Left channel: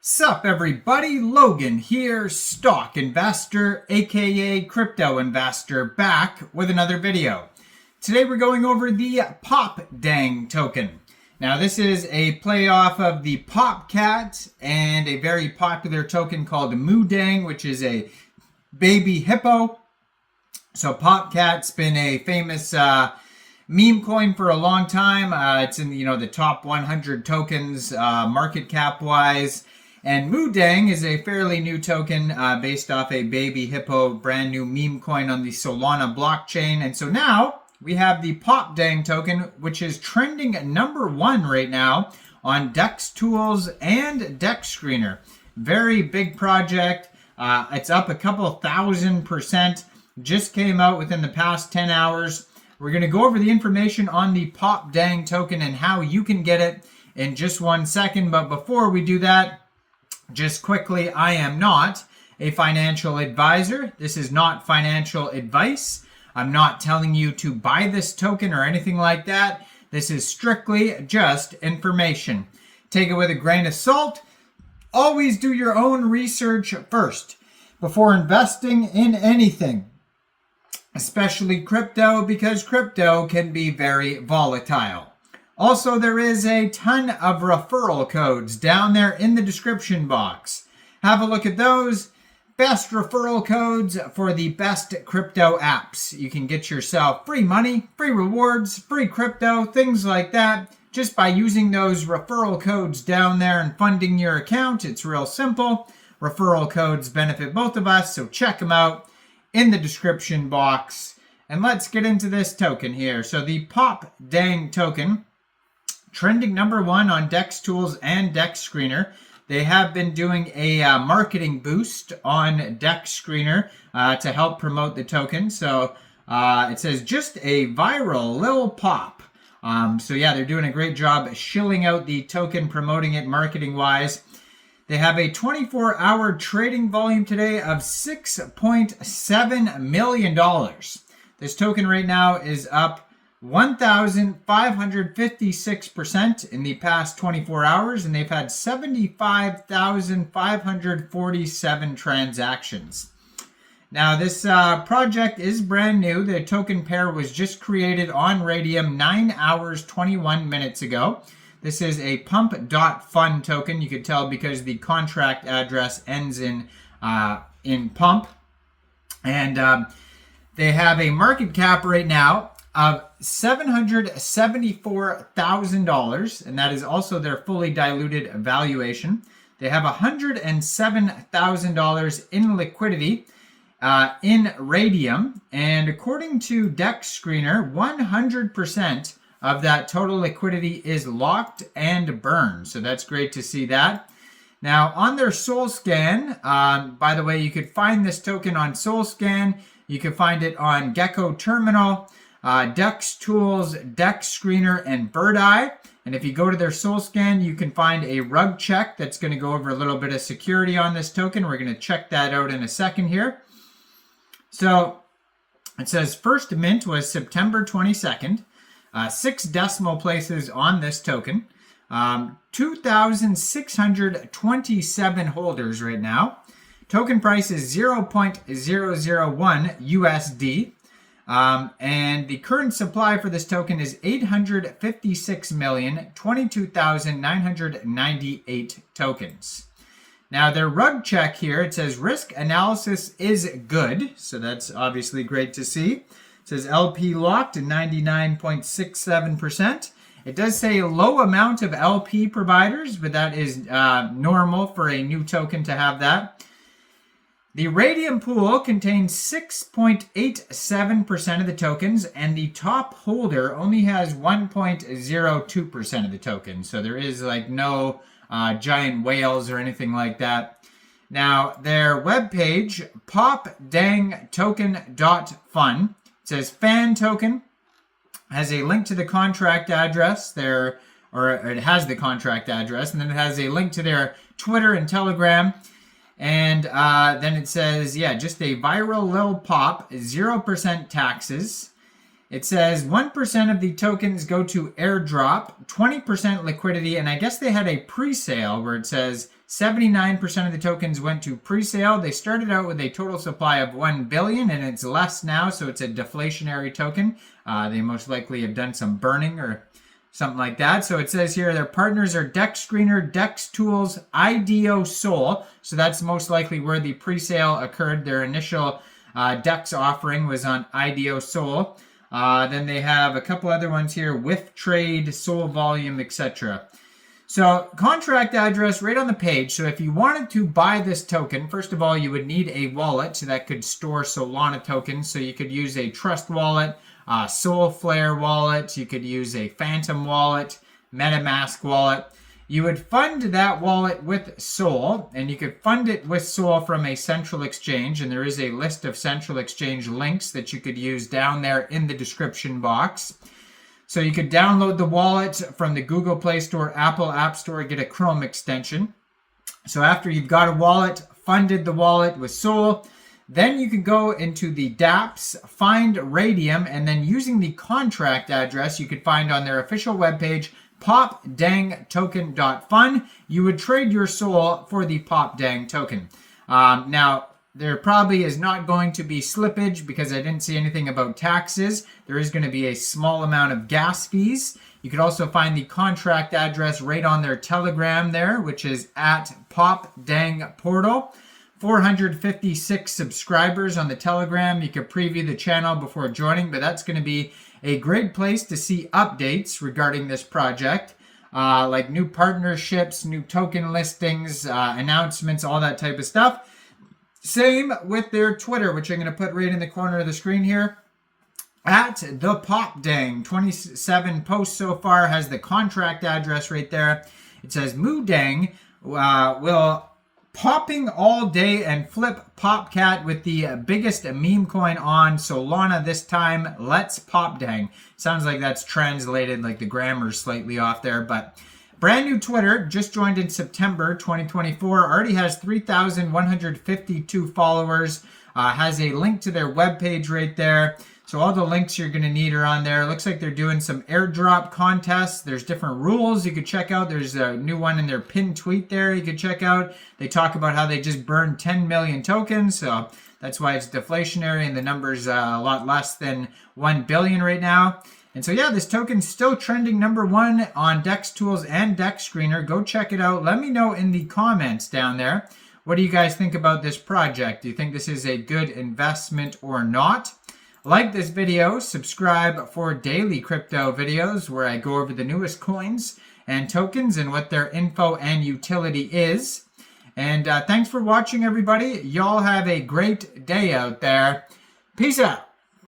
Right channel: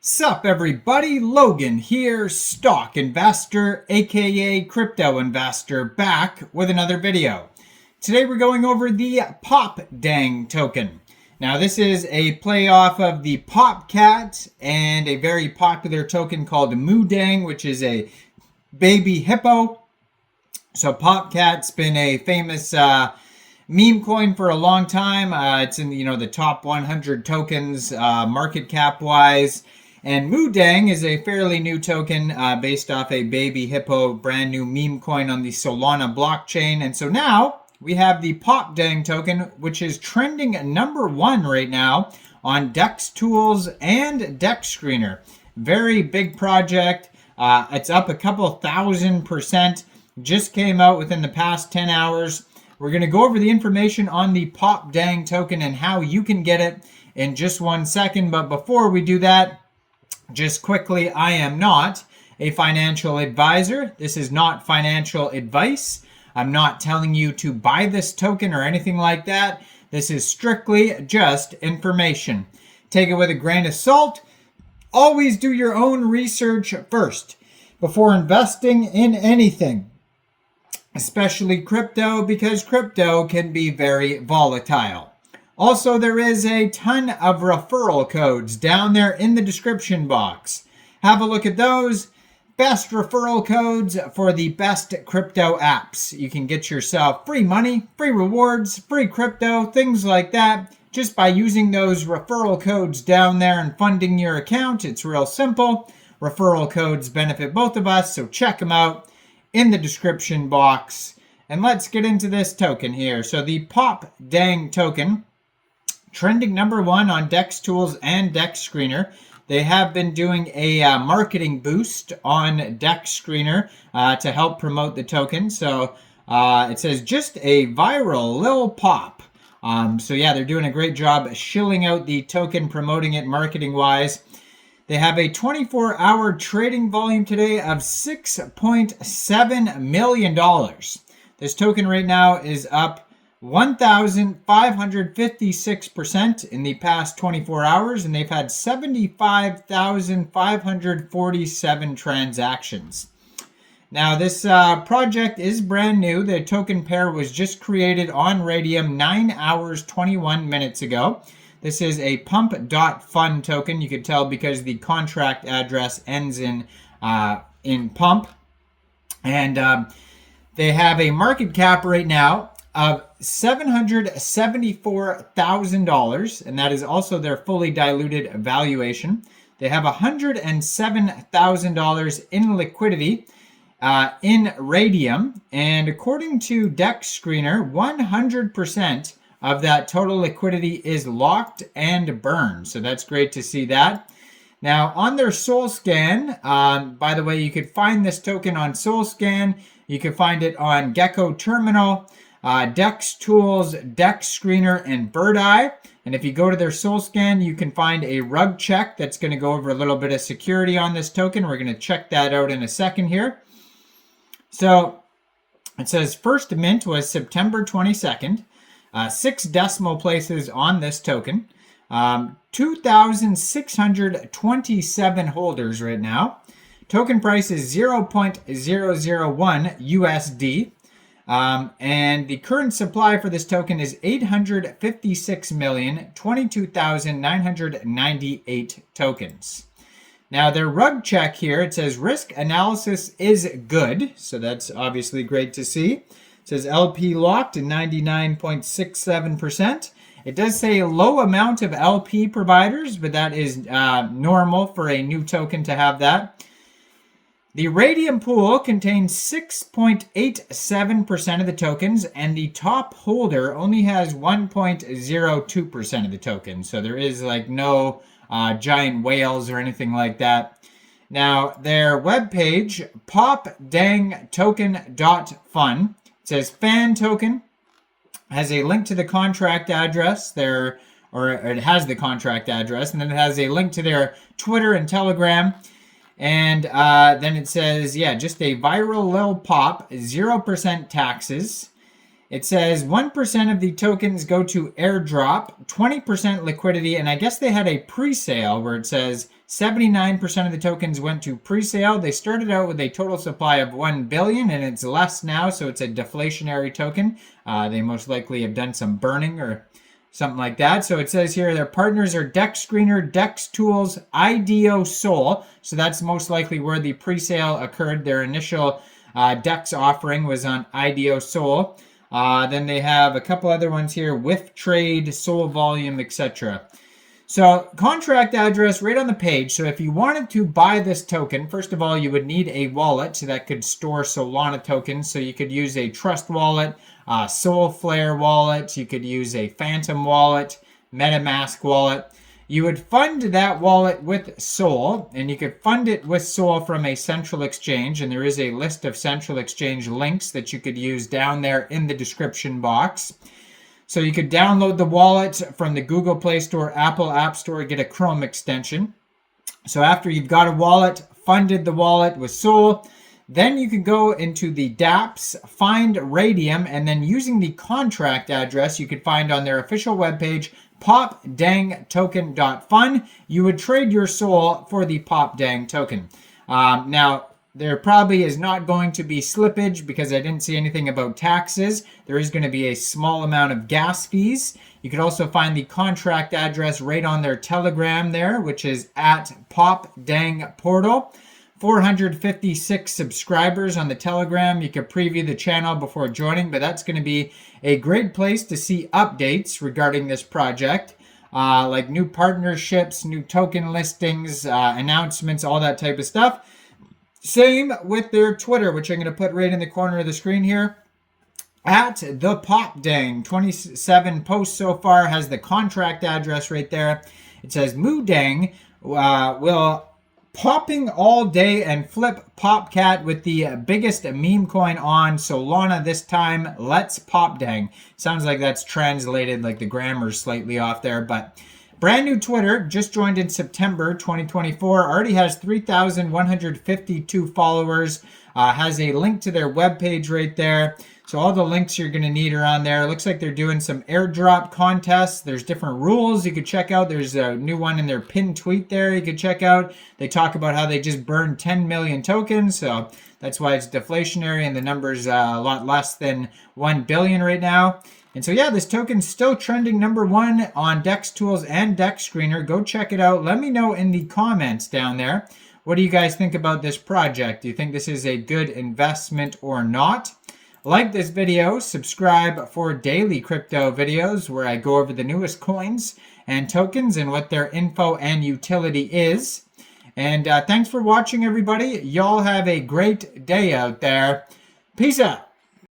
Sup everybody, Logan here, stock investor aka crypto investor, back with another video. Today we're going over the Popdeng token. Now this is a play off of the Popcat and a very popular token called Moodeng, which is a baby hippo. So Popcat's been a famous meme coin for a long time. It's in the top 100 tokens market cap wise. And Moodeng is a fairly new token based off a baby hippo, brand new meme coin on the Solana blockchain. And so now we have the Popdeng token, which is trending #1 right now on DEX Tools and DEX Screener. Very big project. It's up a couple thousand%. Just came out within the past 10 hours. We're going to go over the information on the Popdeng token and how you can get it in just 1 second. But before we do that, just quickly, I am not a financial advisor. This is not financial advice. I'm not telling you to buy this token or anything like that. This is strictly just information. Take it with a grain of salt. Always do your own research first before investing in anything, especially crypto, because crypto can be very volatile. Also, there is a ton of referral codes down there in the description box. Have a look at those. Best referral codes for the best crypto apps. You can get yourself free money, free rewards, free crypto, things like that, just by using those referral codes down there and funding your account. It's real simple. Referral codes benefit both of us, so check them out in the description box. And let's get into this token here. So the Popdeng token, trending #1 on DEX Tools and DEX Screener. They have been doing a marketing boost on DEX Screener to help promote the token. So it says just a viral lil pop. So yeah, they're doing a great job shilling out the token, promoting it marketing wise. They have a 24-hour trading volume today of $6.7 million. This token right now is up 1,556% in the past 24 hours, and they've had 75,547 transactions. Now, this project is brand new. The token pair was just created on Raydium 9 hours, 21 minutes ago. This is a pump.fun token. You could tell because the contract address ends in pump. And they have a market cap right now of $774,000, and that is also their fully diluted valuation. They have $107,000 in liquidity in Raydium, and according to DEX Screener, 100% of that total liquidity is locked and burned. So that's great to see that. Now on their SolScan, by the way, you could find this token on SolScan. You can find it on Gecko Terminal, DEX Tools, DEX Screener, and Birdeye. And if you go to their SolScan, you can find a rug check that's going to go over a little bit of security on this token. We're going to check that out in a second here. So it says first mint was September 22nd. 6 decimal places on this token. 2,627 holders right now. Token price is 0.001 USD. And the current supply for this token is 856,022,998 tokens. Now their rug check here, it says risk analysis is good. So that's obviously great to see. It says LP locked at 99.67%. It does say a low amount of LP providers, but that is normal for a new token to have that. The Raydium pool contains 6.87% of the tokens, and the top holder only has 1.02% of the tokens. So there is like no giant whales or anything like that. Now, their webpage, popdengtoken.fun, says fan token, has a link to the contract address there, or it has the contract address, and then it has a link to their Twitter and Telegram. And then it says, yeah, just a viral lil pop, 0% taxes. It says 1% of the tokens go to airdrop, 20% liquidity, and I guess they had a pre-sale where it says 79% of the tokens went to pre-sale. They started out with a total supply of 1 billion, and it's less now, so it's a deflationary token. They most likely have done some burning or something like that. So it says here their partners are Dex Screener, Dex Tools, IDO Sol. So that's most likely where the pre-sale occurred. Their initial Dex offering was on IDO Sol. Then they have a couple other ones here with Trade, Sol Volume, etc. So contract address right on the page. So if you wanted to buy this token, first of all, you would need a wallet that could store Solana tokens. So you could use a Trust wallet, Solflare wallet. You could use a Phantom wallet, MetaMask wallet. You would fund that wallet with Sol, and you could fund it with Sol from a central exchange. And there is a list of central exchange links that you could use down there in the description box. So you could download the wallet from the Google Play Store, Apple App Store, get a Chrome extension. So after you've got a wallet, funded the wallet with Sol, then you can go into the dApps, find Raydium, and then using the contract address you could find on their official webpage, popdengtoken.fun, you would trade your Sol for the Popdeng token. Now, there probably is not going to be slippage because I didn't see anything about taxes. There is going to be a small amount of gas fees. You could also find the contract address right on their Telegram there, which is at Popdeng Portal. 456 subscribers on the Telegram. You could preview the channel before joining, but that's going to be a great place to see updates regarding this project, like new partnerships, new token listings, announcements, all that type of stuff. Same with their Twitter, which I'm going to put right in the corner of the screen here. At the Popdeng, 27 posts so far, has the contract address right there. It says Moodeng will popping all day and flip Popcat with the biggest meme coin on Solana this time. Let's Popdeng. Sounds like that's translated, like the grammar's slightly off there, but brand new Twitter, just joined in September 2024, already has 3,152 followers, has a link to their webpage right there. So all the links you're going to need are on there. Looks like they're doing some airdrop contests. There's different rules you could check out. There's a new one in their pinned tweet there you could check out. They talk about how they just burned 10 million tokens. So that's why it's deflationary and the number's a lot less than 1 billion right now. And so yeah, this token's still trending #1 on Dex Tools and Dex Screener. Go check it out. Let me know in the comments down there. What do you guys think about this project? Do you think this is a good investment or not? Like this video, subscribe for daily crypto videos where I go over the newest coins and tokens and what their info and utility is. And thanks for watching, everybody. Y'all have a great day out there. Peace out.